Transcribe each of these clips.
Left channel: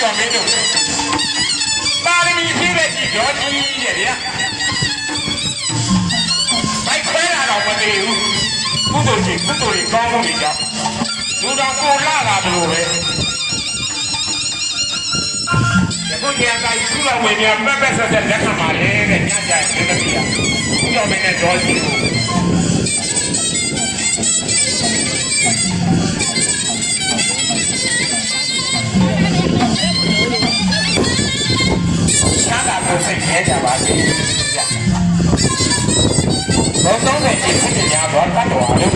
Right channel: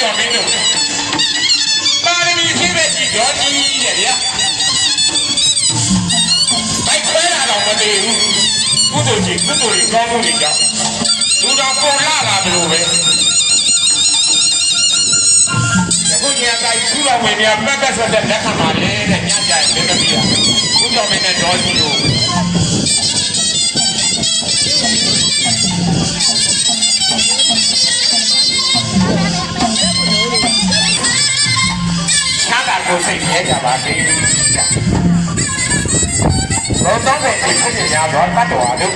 ကြောင့်မင်းတို့ပါရမီဖြည့်တဲ့ဒီတော်ကြီးရဲ့ဗျာဘိုက်ခွဲတာတော့မတည်ဘူးကုသိုလ်ကြီးကုသိုလ်ကြီးကောင်းမှုတွေကြောင့်လူတော်ပေါ်လာတာမလို့ပဲအခုကြီးအတိုင်းသူ့တော်ဝင်များပတ်ပတ်ဆက်ဆက်လက်ခံပါလေတဲ့ညကြိုင်မင်းတို့ကြီးကသူ့တော်ဝင်တဲ့တော်ကြီးကိုကိုစိတ်ခဲကြပါစေဘောကောင်းတဲ့ဒီဖြစ်နေကြတော့တတ်တော်လို့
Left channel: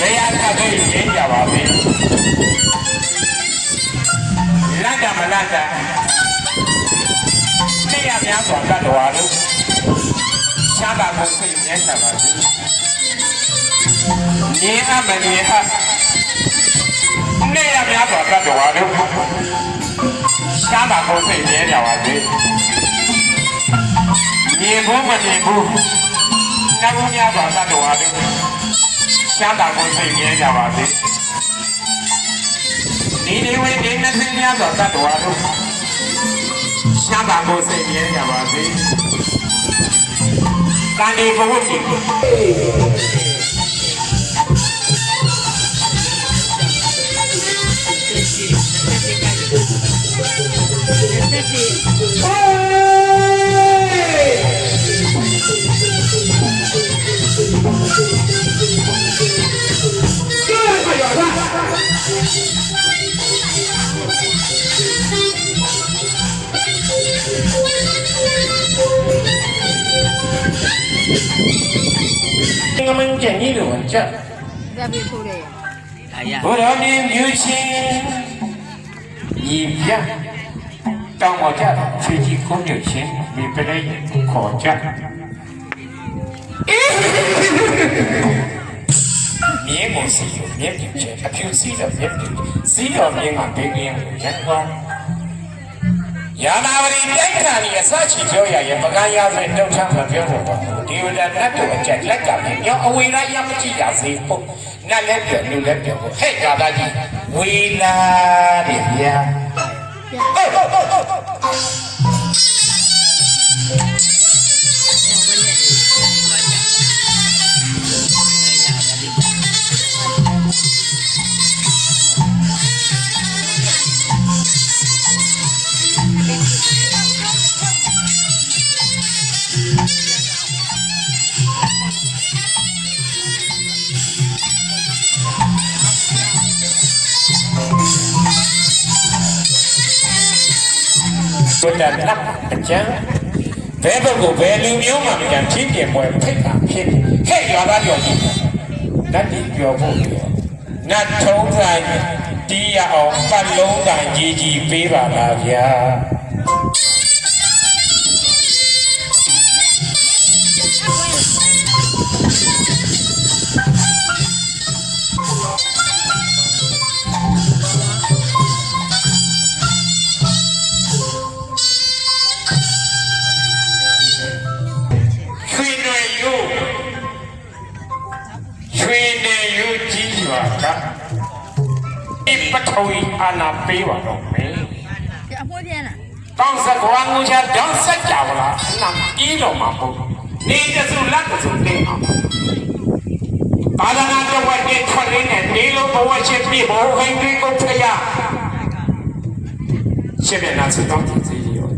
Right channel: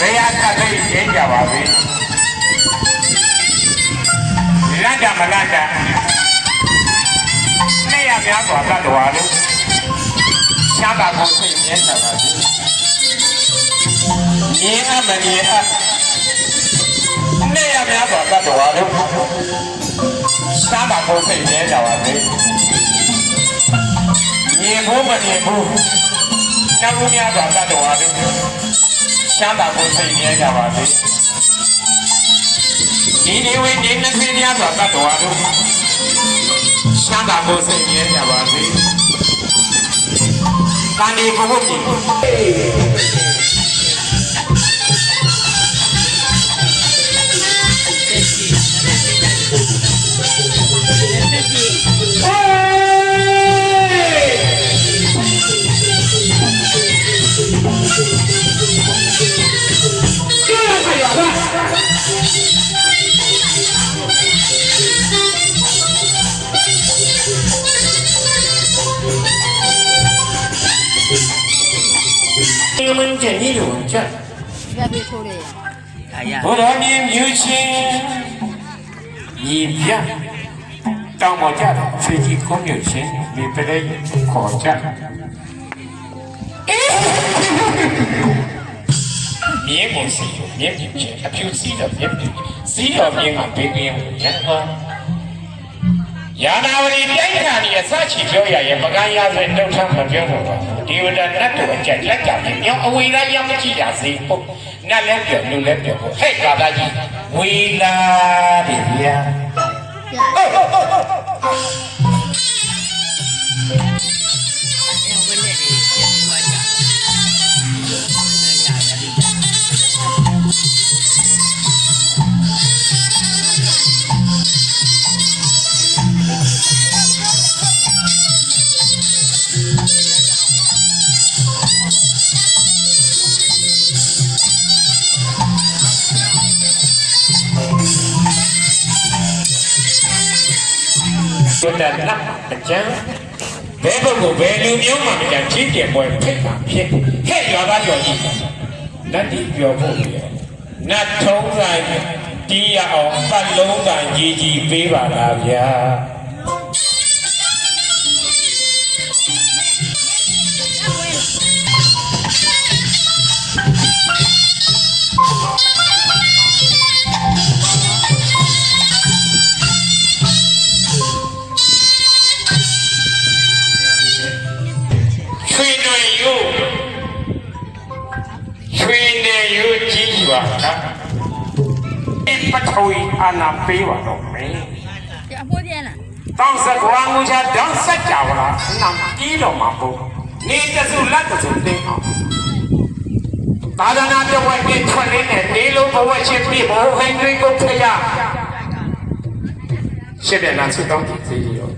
နေရာကသိရင်းကြပါစေလတ်ကြမလတ်ကြနေရာများစွာတတ်တော်လို့ရှားတာကိုစိတ်ခဲကြပါစေမြင်အမမြင်အနေရာများစွာတတ်တော်လို့ရှားတာကိုစိတ်ခဲကြပါစေမြင်ဖို့မမြင်ဘူးတောင်းများစွာတတ်တော်လို့ရှားတာကိုစိတ်ခဲကြပါစေဒီနေဝင်ဒီနှစ်သိန်းများစွာတတ်တော်လို့ရှားတာကိုစိတ်ခဲကြပါစေကာနေဘုရားကြီး我们这里有这，我让你母亲一片，当我家自己公有钱，你不能考家。你不是你有钱，他就是的你是的你嘛别别人话。亚拿我的眼看你啥起表呀，也不敢压人都唱个表了吧？第二天那多讲讲讲的，要为了养起呀是不？那来表又来表不？还搞大的为了的呀。说的那么讲，这个我为流苗嘛，讲今天我太大片，太哑巴了你，那你表不了，那从来第一哦，把龙胆自己背吧大家。阿那背完了没？当时光我家当时家了，那一了嘛不？你这是那个是对啊？大家那这外边村里呢，你如果我去比我会对公车呀，现在那是当地自己有。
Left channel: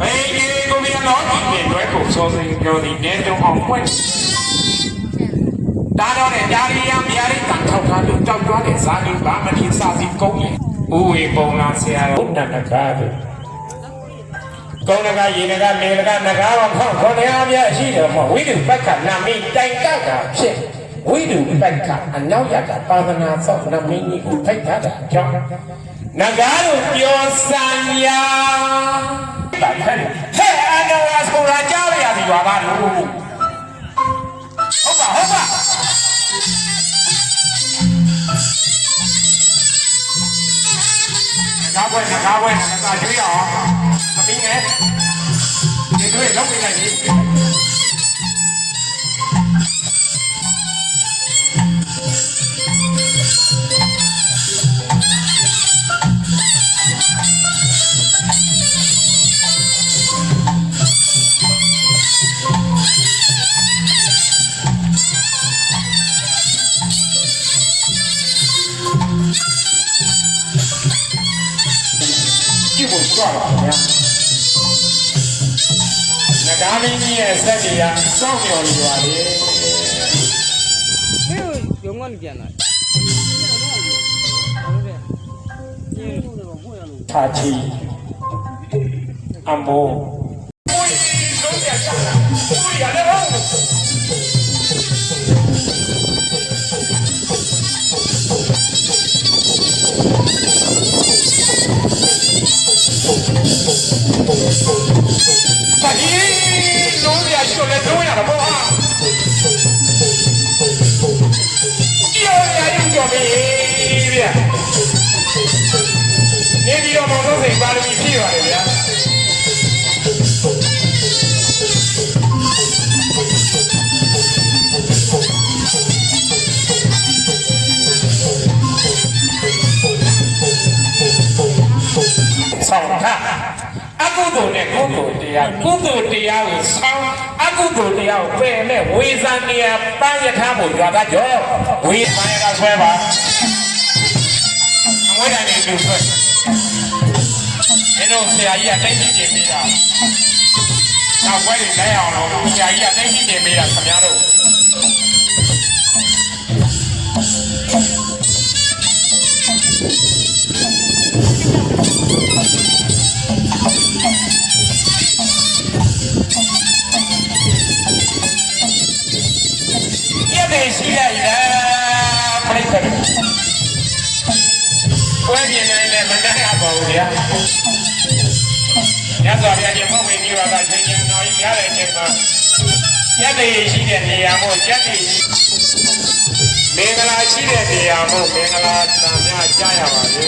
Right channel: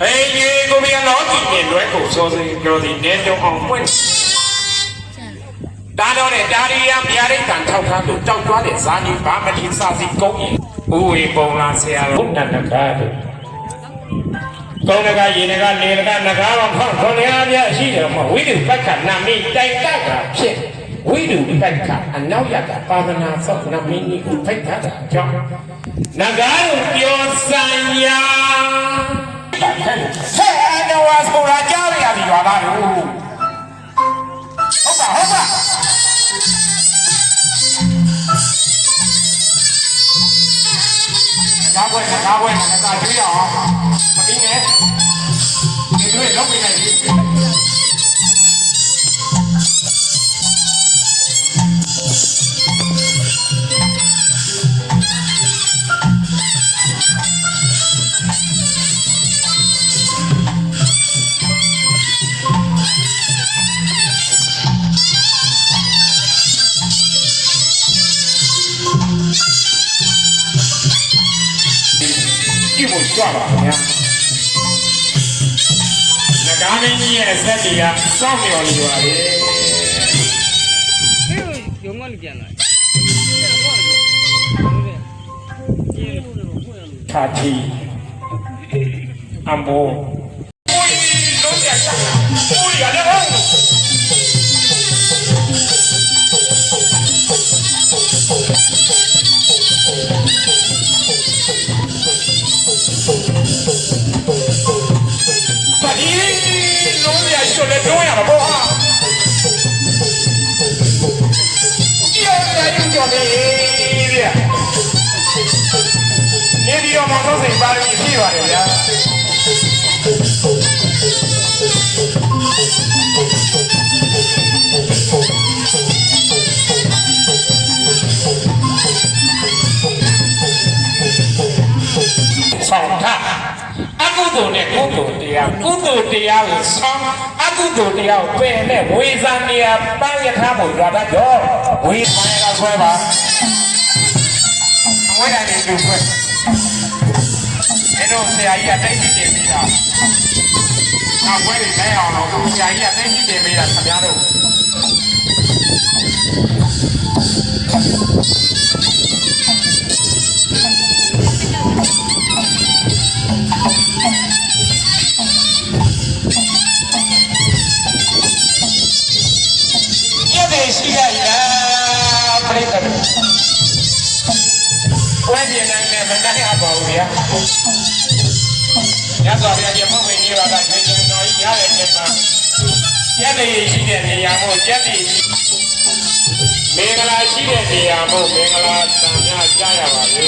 哎，你我们老几年来过说是有的年终红棍。大家呢，家里养别人干头他都找抓的啥的，把么提啥子狗眼，无为公那些，不能那个的。公那个爷那个你那个那个往旁公那边是的嘛，为了不看那没带大个片，为了不看俺老家的把那走那没你不拍他的照，那个有标三呀，嘿，俺那我从那家里的原来路，好吧好吧。ကားပွဲနဂါကျွေးအောင်သမီးနဲ့ဒီတွေ့လောက်ပြလိုက်ပြီကြည့်ဖို့ကြွပါဗျာနဂါမင်းကြီးရဲ့ဆက်တွေကစောင့်မျှော်နေပါလေရုံကနေပြန်လာထာတီအမ်ဘိုโอ้ยလုံးရတာโอ้ยရတယ်လုံးရရှုပ်လဲတော့ရပါဘောဟာကြော်ပြီဗျာနေဒီတော့မောင်ဆုံးစိန်ပါရမီပြည့်ပါတယ်ဗျာဆောင်းထားအကုသိုလ်နဲ့ကုသိုလ်တရားကိုဆောင်းအကုသိုလ်တရားကိုပယ်နဲ့ဝေဇန်နေရာပန်းရထားဖို့ကြွားသားကြောဝေပန်းရကဆွဲပါအဝိဒါနေတူဆွဲမင်းတို့ဆရာကြီးကတိုက်ကြည့်နေတာနောက်ဝဲတွေလဲအောင်လို့ဆရာကြီးကတိုက်ကြည့်နေတာခင်ဗျားတို့ရှိလိုက်တာပြိတ္တပွဲပြင်းနေနဲ့မနိုင်ရပါဘူးဗျာညစွာဗျာဒီမဟုတ်ဝင်ပြီးတော့ကချင်းချင်းတော်ကြီးရားတဲ့အချိန်မှာကျက်တည်ရှိတဲ့နေရာမို့ကျက်တည်မင်္ဂလာရှိတဲ့နေရာမို့မင်္ဂလာတန်များကြားရပါလေ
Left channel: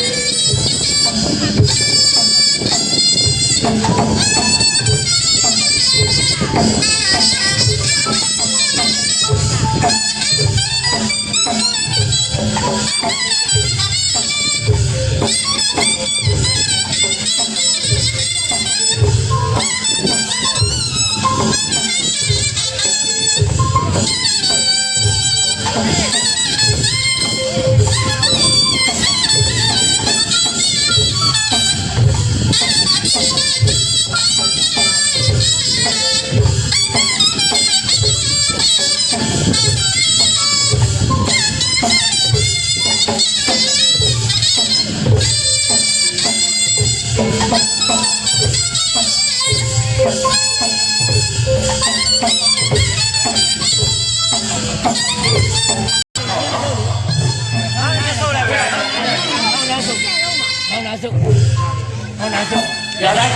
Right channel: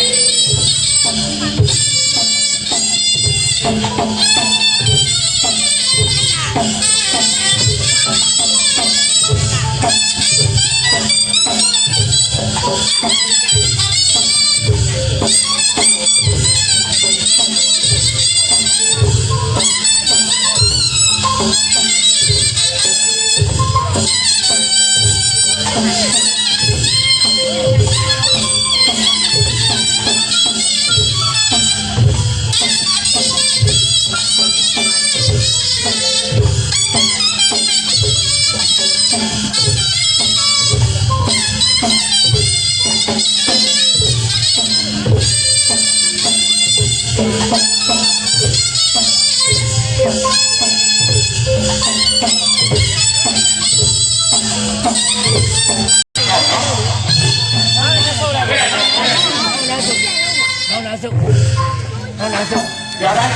ရလိုက်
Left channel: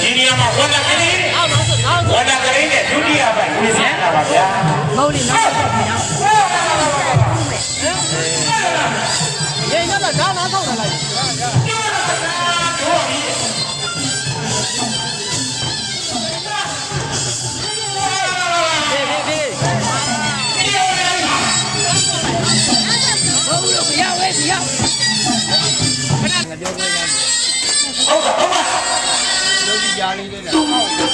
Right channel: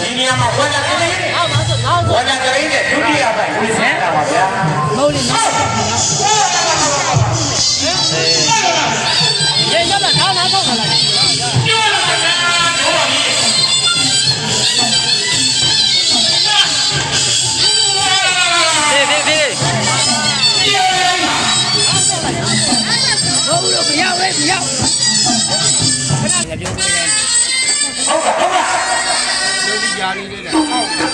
ဒီနေရာမှာဝါဒကလေးနဲ့ဒုတိယဘက်ဝေးစားတာပါဗျာမဟုတ်ဘူးနော်ရေရတဲ့ဒါနာတော့လာကြာလေးတဲ့ဟောက်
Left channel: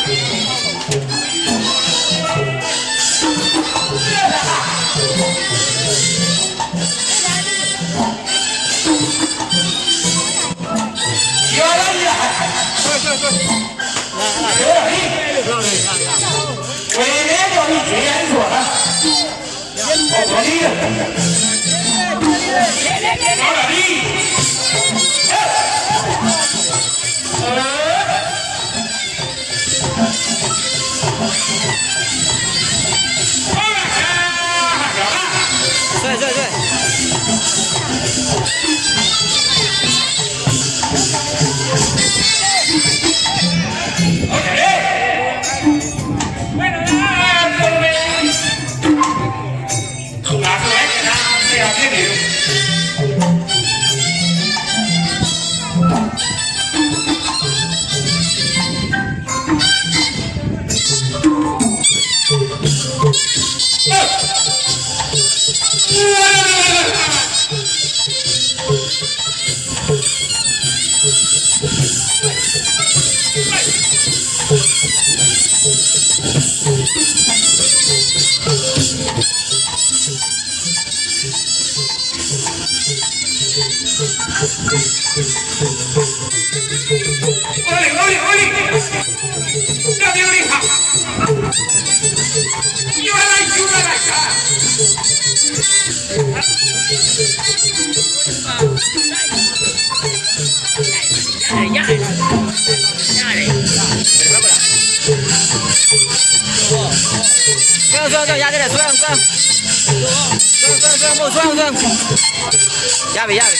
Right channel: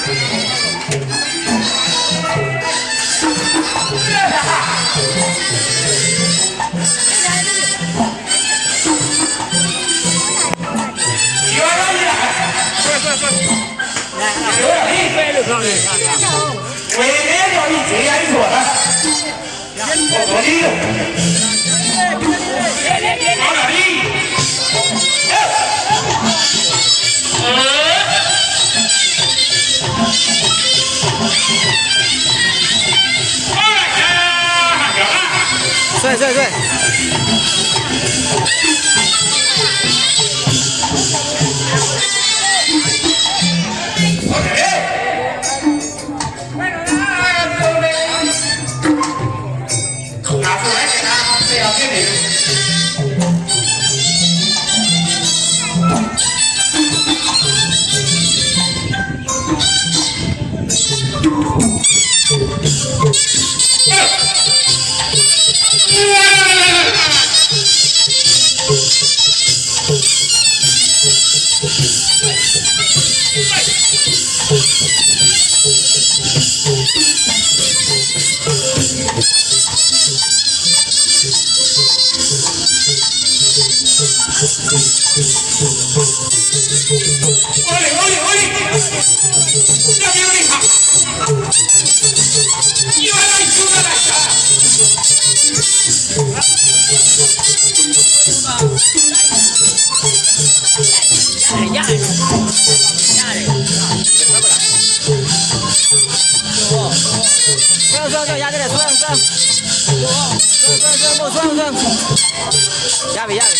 算，压这点，算，压呗。